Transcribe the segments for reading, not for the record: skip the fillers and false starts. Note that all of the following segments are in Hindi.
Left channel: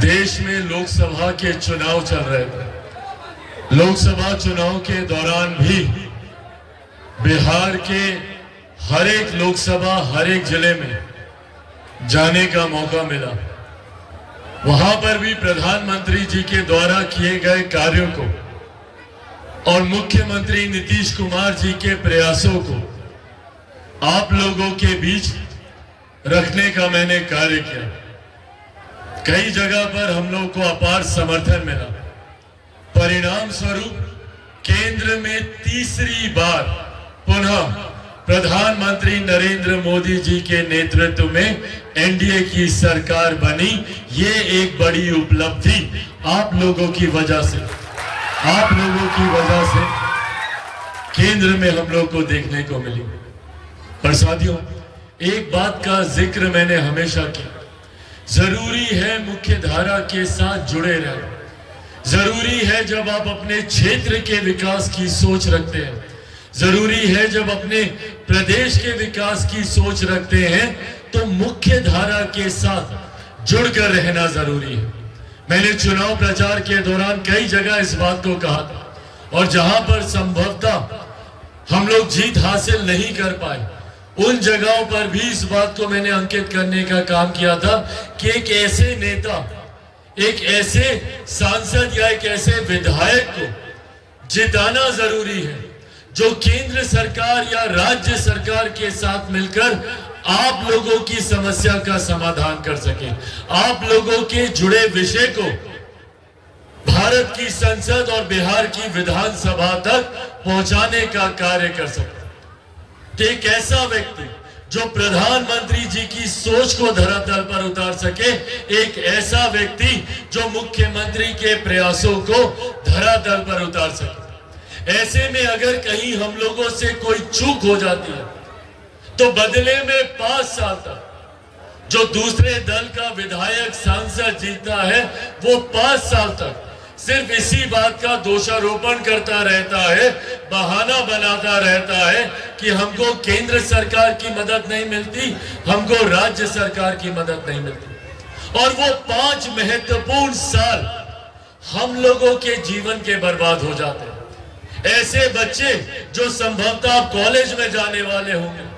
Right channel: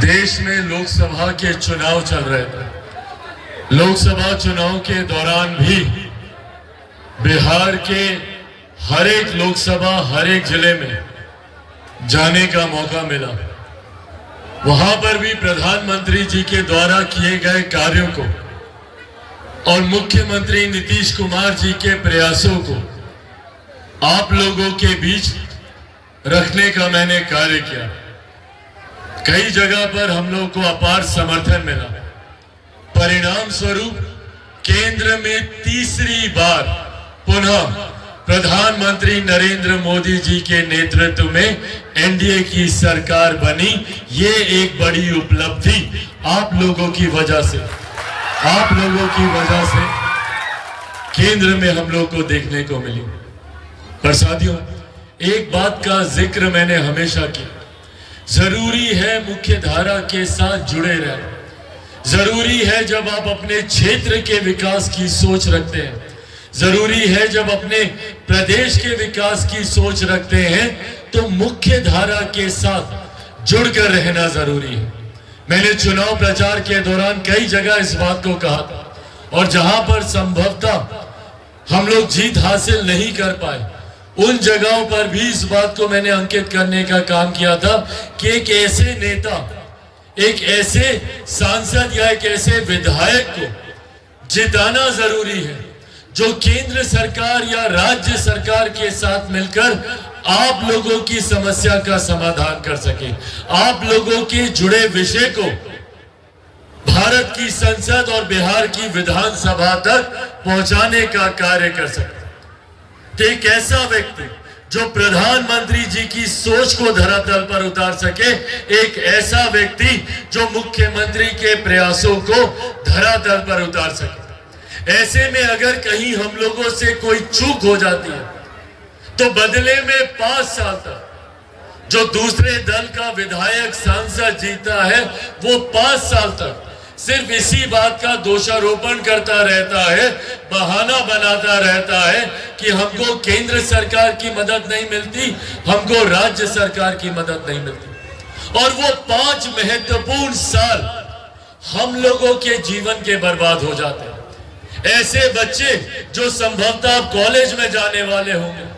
देश में लोकसभा के चुनाव चल रहे थे। लोकसभा चुनाव के दौरान भी बिहार के हर एक लोकसभा हर एक जिले में जाने का मौका मिला। वहां पर भी प्रधानमंत्री जी के द्वारा किए गए कार्यों को और मुख्यमंत्री नीतीश कुमार जी के प्रयासों को आप लोगों के बीच रखने का मैंने कार्य किया। कई जगह पर हम लोग को अपार समर्थन मिला। परिणाम स्वरूप केंद्र में तीसरी बार पुनः प्रधानमंत्री नरेंद्र मोदी जी के नेतृत्व में एनडीए की सरकार बनी। ये एक बड़ी उपलब्धि आप लोगों की वजह से केंद्र में हम लोग को देखने को मिली। पर साथियों, एक बात का जिक्र मैंने हमेशा किया, जरूरी है मुख्य धारा के साथ जुड़े रहना। जरूरी है जब आप अपने क्षेत्र के विकास की सोच रखते हैं, जरूरी है जब अपने प्रदेश के विकास की सोच रखते हैं, तो मुख्य धारा के साथ जुड़कर रहना जरूरी है। मैंने चुनाव प्रचार के दौरान कई जगह इस बात को कहा था, और जहां पर संभवतः हम लोग जीत हासिल नहीं कर पाए, उन जगहों पर भी इस बात को मैंने अंकित करने का काम किया था कि एक ऐसे नेता, एक ऐसे सांसद या एक ऐसे विधायक को जिताना जरूरी है जो केंद्र सरकार या राज्य सरकार के साथ मिलकर आप लोगों की समस्या का समाधान कर सके, आप लोगों के जुड़े विषय को भारत की संसद और बिहार की विधानसभा तक पहुंचाने का कार्य कर सके। तो एक ऐसा व्यक्ति जो प्रधानमंत्री जी की सोच को धरातल पर उतार सके, एक ऐसा व्यक्ति जो मुख्यमंत्री के प्रयासों को धरातल पर उतार सके। ऐसे में अगर कहीं हम लोगों से कोई चूक हो जाती है तो बदले में 5 साल तक जो दूसरे दल का विधायक सांसद जीता है, वो 5 साल तक सिर्फ इसी बात का दोषारोपण करता रहता है, बहाना बनाता रहता है कि हमको केंद्र सरकार की मदद नहीं मिलती, हमको राज्य सरकार की मदद नहीं मिलती। और वो 5 महत्वपूर्ण साल हम लोगों के जीवन के बर्बाद हो जाते हैं। ऐसे बच्चे जो संभवतः कॉलेज में जाने वाले होंगे,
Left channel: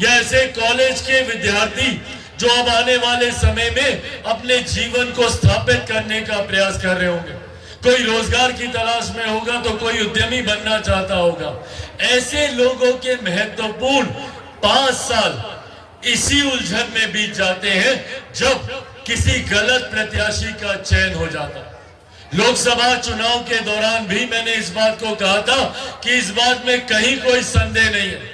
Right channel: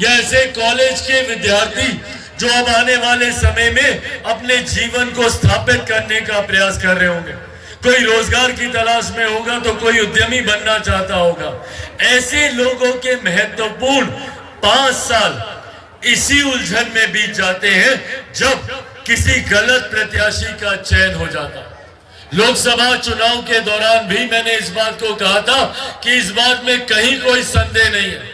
या ऐसे कॉलेज के विद्यार्थी जो अब आने वाले समय में अपने जीवन को स्थापित करने का प्रयास कर रहे होंगे, कोई रोजगार की तलाश में होगा तो कोई उद्यमी बनना चाहता होगा। ऐसे लोगों के महत्वपूर्ण 5 साल इसी उलझन में बीत जाते हैं जब किसी गलत प्रत्याशी का चयन हो जाता। लोकसभा चुनाव के दौरान भी मैंने इस बात को कहा था कि इस बात में कहीं कोई संदेह नहीं है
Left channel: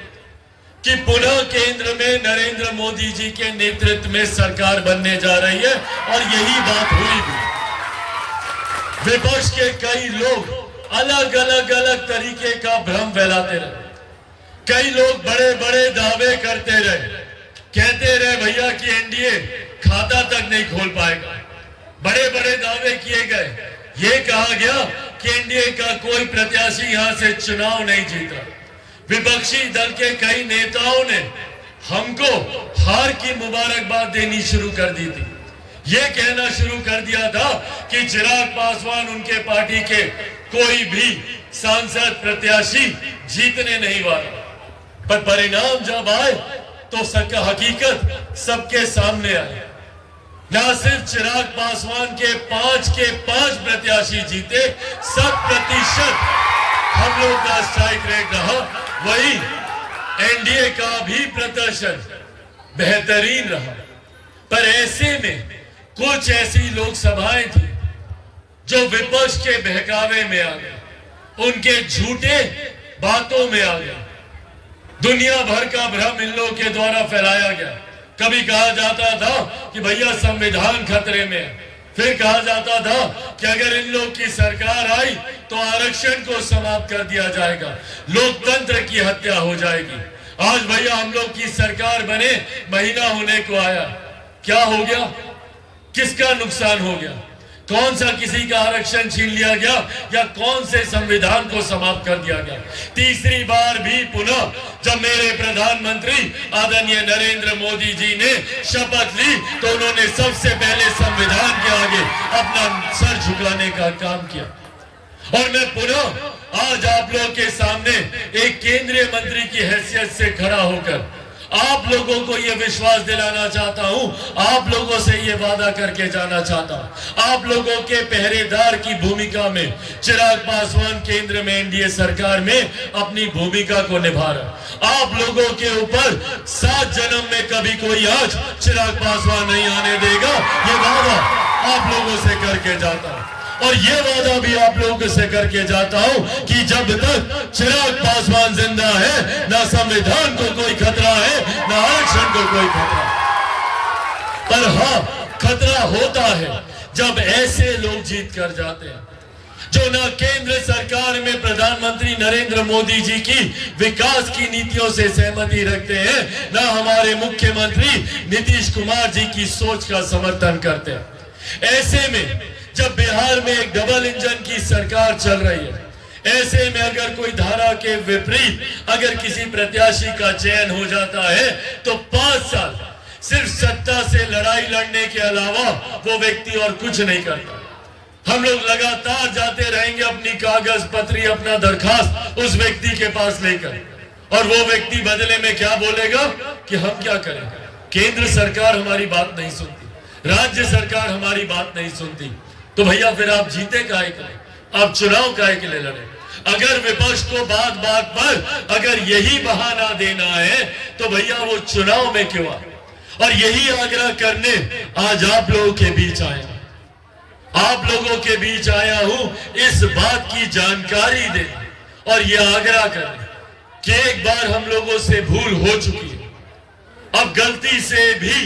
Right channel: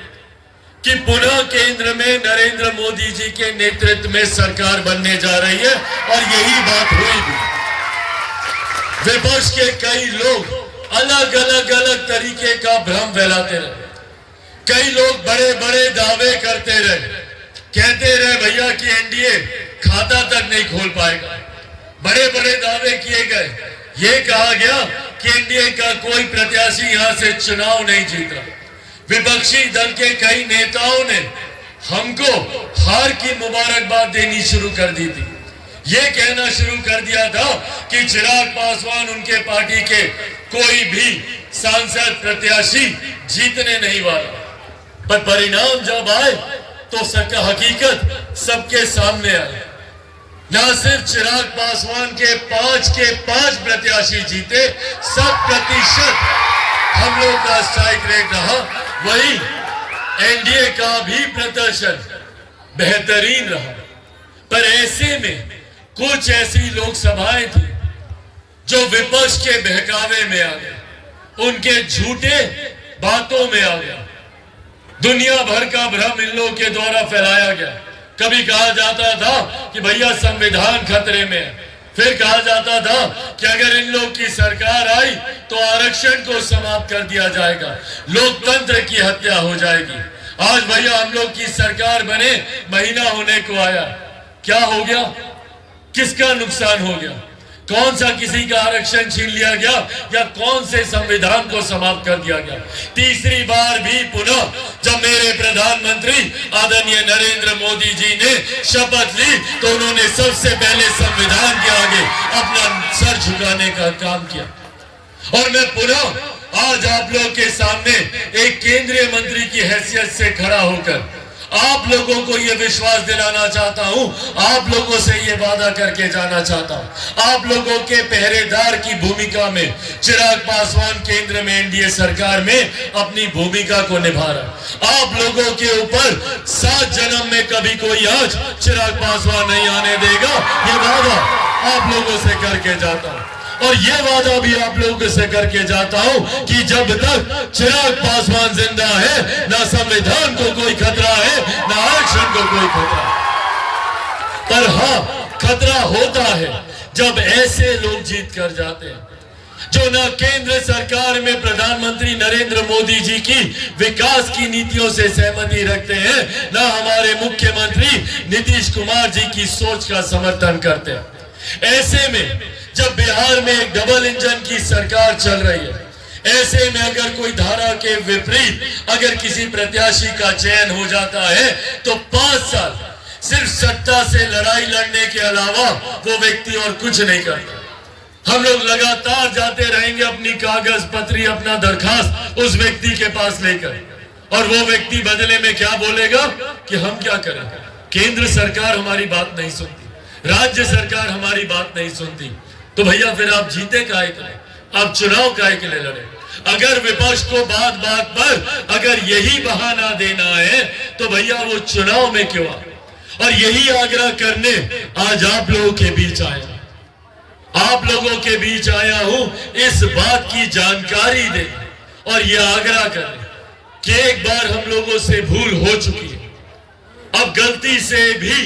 कि पुनः केंद्र में नरेंद्र मोदी जी के नेतृत्व में सरकार बनने जा रही है, और यही बात हुई भी। विपक्ष के कई लोग अलग अलग तरीके का भ्रम फैलाते रहे। कई लोग बड़े बड़े दावे करते रहे, कहते रहे भैया कि एनडीए खाता तक नहीं खोल पाएगा। बड़े बड़े दावे किए गए, ये कहा गया कि एनडीए का कोई प्रत्याशी यहां से चुनाव नहीं जीता। विपक्षी दल के कई नेताओं ने हमको हार की मुबारकबाद देनी शुरू कर दी थी। ये कहना शुरू कर दिया था कि चिराग पासवान उनके पार्टी के कोई भी सांसद प्रत्याशी जीतने नहीं वाला। पर परिणाम जब आए तो हकीकत सबके सामने आई। न सिर्फ चिराग पासवान के 5 प्रत्याशी जीते, 100% हम लोग का स्ट्राइक रेट रहा। वही एनडीए का भी प्रदर्शन बेहतरीन रहा। पर ऐसे में कुछ ऐसी लोकसभाएं थी जो विपक्ष के बहकावे में आ गए, उनके झूठे बातों में आ गया। दुनिया भर का भ्रम इन लोगों के द्वारा फैलाया गया। कभी कहा जाता था कि भैया संविधान खतरे में है, फिर कहा जाता था कि अगर इन लोग की सरकार आई तो आरक्षण को समाप्त कर दिया जाएगा, लोकतंत्र की हत्या हो जाएगी। आज भैया हम लोग की सरकार बने महीना होने को आया, क्या हो गया, किसका नुकसान हो गया? कौन सा किसी का आरक्षण छीन लिया गया या कौन से संविधान को समाप्त कर दिया गया? तीसरी बार भी पुनः जब मेरे प्रधानमंत्री आदरणीय नरेंद्र मोदी जी ने शपथ ली तो उन्होंने सबसे पहले संविधान के आगे अपना सर झुकाने का काम किया। और मैं पुनः आज आप लोगों के सामने एक केंद्रीय मंत्री की हैसियत से खड़ा होकर आप लोगों को यह विश्वास दिलाना चाहता हूं, आप लोगों से यह वादा करके जाना चाहता हूं, आप लोगों के पहरेदार की भूमिका में चिराग पासवान केंद्र में एनडीए सरकार में अपनी भूमिका को निभा रहा। आप लोगों के ऊपर 7 जन्म में कभी कोई आज चिराग पासवान नहीं आने देगा, ये वादा आप लोगों से करके जाता हूं। और ये वादा भी आप लोगों से करके जाता हूं कि जब तक चिराग पासवान जिंदा है, ना संविधान को कोई खतरा है, ना आरक्षण को कोई खतरा। पर हाँ, खतरा होता है जब ऐसे लोग जीत कर जाते हैं जो ना केंद्र सरकार में प्रधानमंत्री नरेंद्र मोदी जी की विकास की नीतियों से सहमति रखते हैं, ना हमारे मुख्यमंत्री नीतीश कुमार जी की सोच का समर्थन करते हैं। ऐसे में जब बिहार में एक डबल इंजन की सरकार चल रही है, ऐसे में अगर कोई धारा के विपरीत अगर किसी प्रत्याशी का चयन हो जाता है तो 5 साल सिर्फ सत्ता से लड़ाई लड़ने के अलावा वो व्यक्ति और कुछ नहीं करता। हम लोग लगातार जाते रहेंगे अपनी कागज पत्री, अपना दरखास्त उस व्यक्ति के पास लेकर, और वो व्यक्ति बदले में क्या बोलेगा कि हम क्या करें, केंद्र सरकार हमारी बात नहीं सुनती, राज्य सरकार हमारी बात नहीं सुनती। तो भैया फिर आप जीते काहे के लिए, आप चुनाव काहे के लिए लड़े? अगर विपक्ष को बात बात पर अगर यही बहाना देना है तो भैया वो चुनाव में क्यों आ? और यही आग्रह करने आज आप लोगों के बीच आया, आप लोगों के बीच आया हूं इस बात की जानकारी दे और यह आग्रह करने कि एक बार हम लोगों से भूल हो चुकी है, अब गलती से भी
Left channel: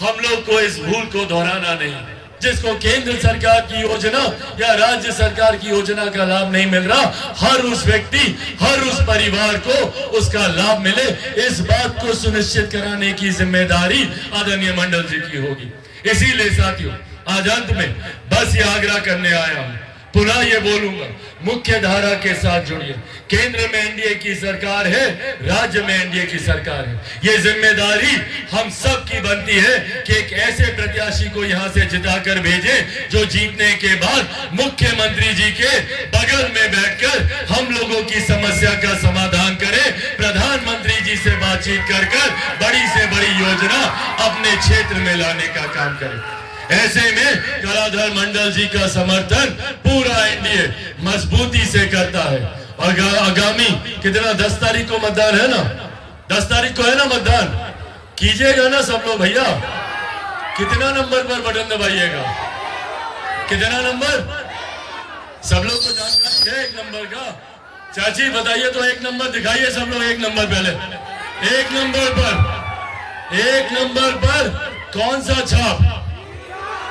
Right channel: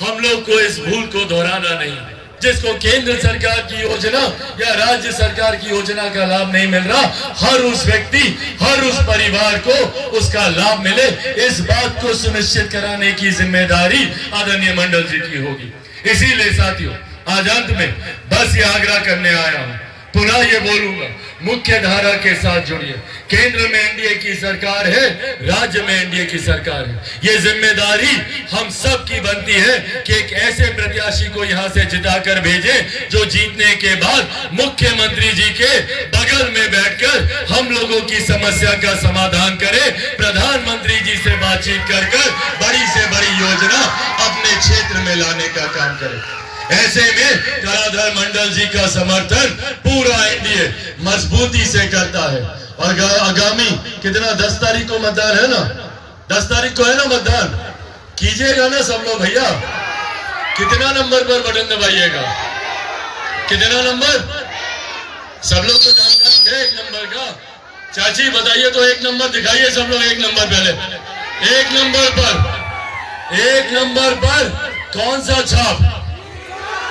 हम लोग को इस भूल को दोहराना नहीं है। जिसको केंद्र सरकार की योजना या राज्य सरकार की योजना का लाभ नहीं मिल रहा, हर उस व्यक्ति, हर उस परिवार को उसका लाभ मिले, इस बात को सुनिश्चित कराने की जिम्मेदारी आदरणीय मंडल जी की होगी। इसीलिए साथियों, आज अंत में बस ये आग्रह करने आया हूं, पुनः ये बोलूंगा, मुख्य धारा के साथ जुड़िए। केंद्र में एनडीए की सरकार है, राज्य में एनडीए की सरकार है। ये जिम्मेदारी हम सब की बनती है कि एक ऐसे प्रत्याशी को यहां से जिताकर भेजे जो जीतने के बाद मुख्यमंत्री जी के बगल में बैठकर हम लोगों की समस्या का समाधान करे, प्रधानमंत्री जी से बातचीत कर बड़ी से बड़ी योजना अपने क्षेत्र में लाने का काम करे। ऐसे में कलाधर मंडल जी का समर्थन पूरा एनडीए मजबूती से करता है। और आगामी कितना 10 तारीख को मतदान है ना, 10 तारीख को है ना मतदान, कीजिएगा ना सब लोग भैया। कितना नंबर पर बटन दबाइएगा, कितना नंबर, सब लोग को जानकारी है 1 नंबर का। चाची बताइए तो 1 नंबर दिखाइए सब लोग, 1 नंबर पहले, 1 नंबर पर, 1 नंबर पर कौन सा छाप,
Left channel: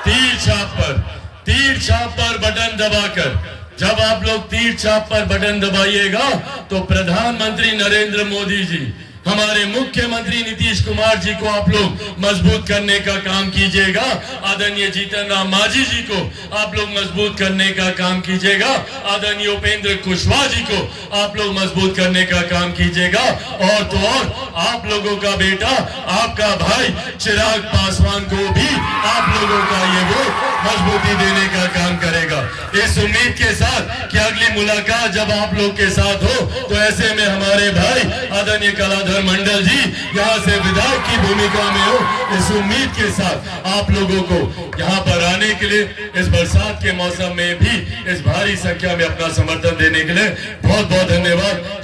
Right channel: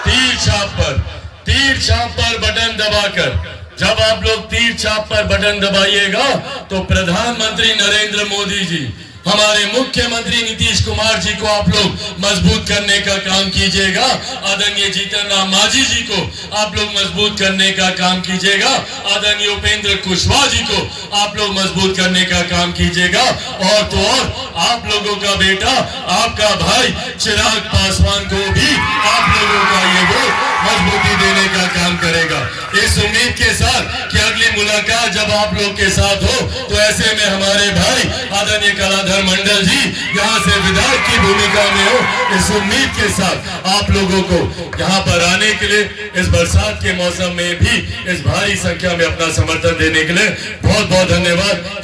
तीर छाप पर, तीर छाप पर बटन दबाकर जब आप लोग तीर छाप पर बटन दबाइएगा तो प्रधानमंत्री नरेंद्र मोदी जी, हमारे मुख्यमंत्री नीतीश कुमार जी को आप लोग मजबूत करने का काम कीजिएगा। आदरणीय जीतन राम मांझी जी को आप लोग मजबूत करने का काम कीजिएगा। आदरणीय उपेंद्र कुशवाहा जी को आप लोग मजबूत करने का काम कीजिएगा। और तो और आप लोगों का बेटा, आपका भाई चिराग पासवान को भी आप लोगों का ये वोट मजबूती देने का काम करेगा। इस उम्मीद के साथ कि अगली मुलाकात जब आप लोग के साथ हो तो ऐसे में हमारे भाई आदरणीय कलाधर मंडल जी यहाँ से विधायक की भूमिका में हो, इस उम्मीद के साथ आप लोगों को यहाँ पर आने के लिए, इस बरसात के मौसम में भी इस भारी संख्या में अपना समर्थन देने के लिए बहुत बहुत धन्यवाद।